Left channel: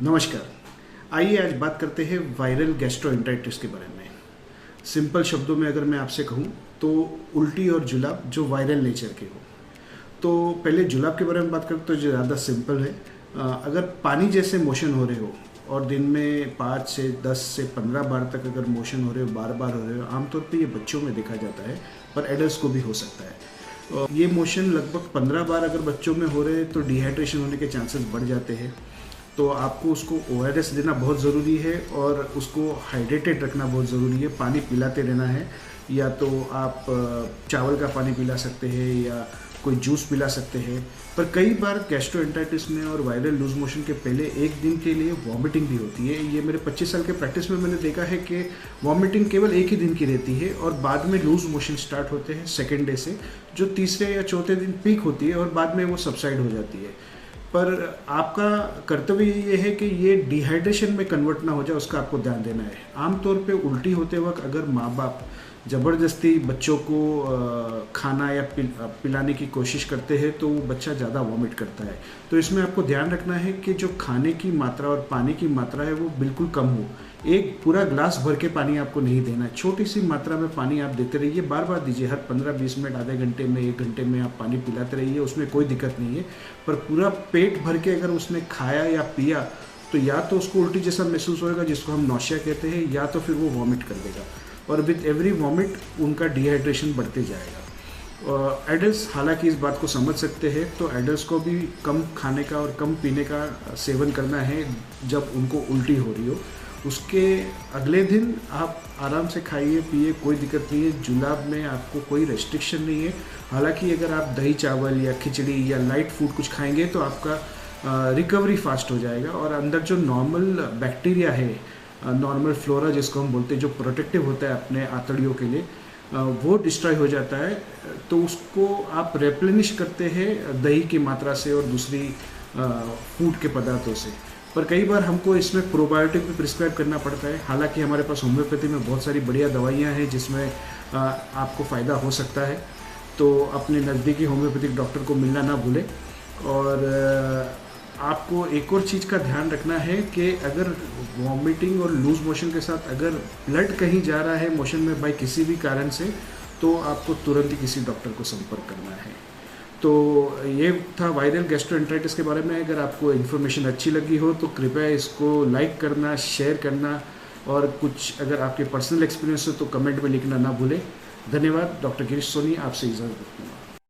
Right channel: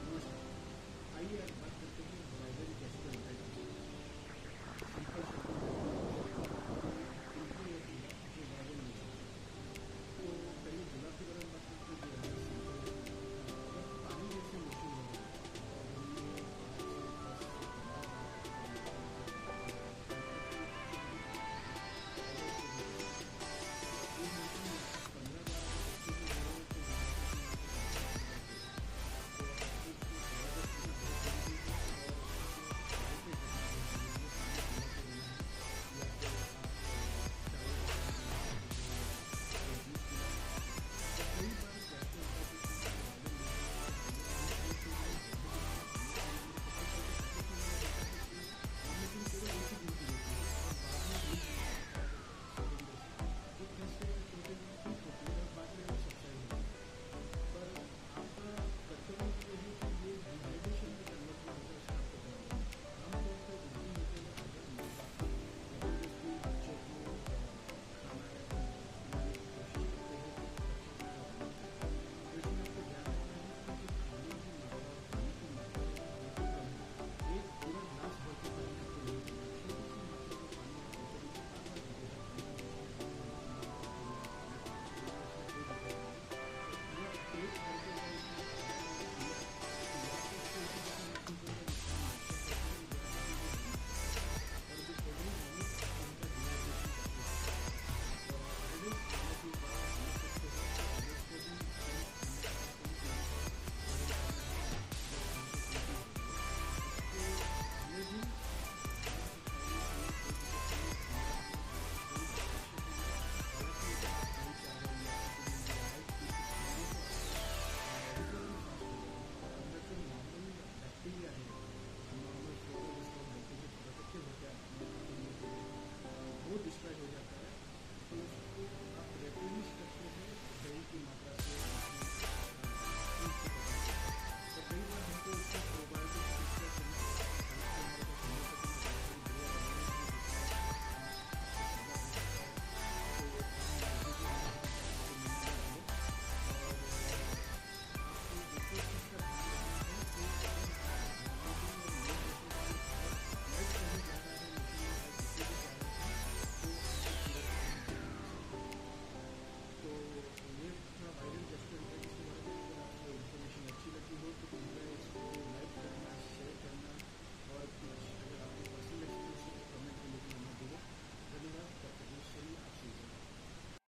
नमस्कार। आइए आज बात करते हैं वायरल गैस्ट्रोएंटेराइटिस के बारे में। सिंपल शब्दों में अगर मैं आपसे कहूँ तो उल्टी और जुलाब जो वायरल नेचर के हो। तो पहले जुलाब के बारे में बात करें तो जो ज़्यादा सिंपल है। अगर पानी जैसे मोशन हो रहे हो और दिन में 5 से 10 से 15 बार तक अगर मोशन हो रहे हो, बार बार हो रहे हो, आमतौर पे ये बच्चों में देखा जाता है, पर एडल्ट्स को भी हो सकता है। ये मोशन लगभग 15 बार अगर बच्चों में हो रहे हैं तो डिहाइड्रेशन होने के चांसेस बढ़ जाते हैं। तो आपको उसको ओआरएस देना बहुत ज़रूरी है और उसको हाइड्रेटेड रखना बहुत ज़रूरी है। पानी पिलाते रहना है, या तो आप चावल का पानी पिला सकते हैं या कोई जूस पिला सकते हैं। पर कई बार गैस्ट्रोएंटेराइटिस में और वायरल लूज मोशन के पहले एक दिन के लिए वॉमिटिंग भी होती है। ये मेरे 25 साल के प्रैक्टिस में मैंने देखा है कि वॉमिटिंग केवल एक ही दिन की रहती है और बाद में लूज मोशन स्टार्ट होते हैं सेकेंड डे से, जो तीसरे या चौथे दिन पीक होती है और बाद में वो सबसाइड हो जाती है। पर आपका कर्तव्य ये है कि ये डिहाइड्रेशन में कन्वर्ट ना हो जाए, उसका आपको ध्यान देना है। आमतौर पे उल्टी होते वक्त अगर माँ बाप ज़बरदस्ती बच्चों को खाना या पिलाने की कोशिश करते हैं तो वो बच्चा ज़्यादा वॉमिट करता है। तो इसमें आपको ध्यान रखना है कि जो खाने की मात्रा और पानी की मात्रा है वो बिल्कुल कम हो। एक पूरा ग्लास भर के पानी आपको नहीं देना है, छोटी सी मात्रा में पानी आप देते रहिए, बार बार दीजिए। हर 15-20 मिनट, आधे घंटे में, 1 घंटे में आप पानी पिलाते रहिए, उसमें कोई दिक्कत नहीं है। पर पूरा पेट भर के अगर उसने खाया या पिया तो या तो उसको उल्टी जैसा महसूस होएगा, जिसको हम नौशिया कहते हैं, या तो फिर वो वॉमिट कर देगा और विद एवरी वॉमिट उनका डिहाइड्रेशन बढ़ते जाएगा। एडल्ट्स हालांकि इस बात को समझ सकते हैं, तो एडल्ट्स को भी कम खाने का और कम पीने का सेवन करना है जब उनको उल्टी हो रही हो। उसके अगले दिन आप आराम से खाइए पिए, कोई दिक्कत नहीं है। जुलाब में आपको कोई रेस्ट्रिक्शन नहीं है। हालांकि अगर आप दही चावल या खिचड़ी या लाइट फूड कुछ खाएंगे तो आपका रिकवरी फास्ट हो जाएगा और अंदर जो नॉर्मल बैक्टीरिया है, नॉर्मल फ्लोरा जिसको हम बोलते हैं, जो प्रोटेक्टिव होता है अपने आंतड़ियों के लिए, वो डिस्ट्रॉय हो जाता है। तो उसको आप रेप्लेनिश करते हैं दही की मात्रा से और दूसरी फूड के पदार्थों से। पर कई बार हमको इसमें प्रोबायोटिक भी प्रिस्क्राइब करना पड़ता है। हालांकि हमारे पास होम्योपैथी में बहुत सारी बढ़िया दवाइयाँ हैं जिसमें आपको फ़ायदा हो सकता है। तो अपने नज़दीकी होम्योपैथिक डॉक्टर को मिलना ना भूलें। और आपको एक और चीज़ का ध्यान रखना है कि अगर वॉमिटिंग और लूज मोशन के साथ अगर ब्लड कहीं जा रहा है मोशन में बाय किसी भी कारण से, तो आपको तुरंत ही किसी डॉक्टर को संपर्क करना है। तो ये था वायरल गैस्ट्रोएंटेराइटिस के बारे में। अगर आपको इन्फॉर्मेशन अच्छी लगी हो तो कृपया इसको लाइक करना, शेयर करना, और कुछ अगर आपके पर्सनल एक्सपीरियंस हो तो कमेंट में लिखना ना भूलें। धन्यवाद। डॉक्टर गिरीश सोनी आपसे इजाज़त।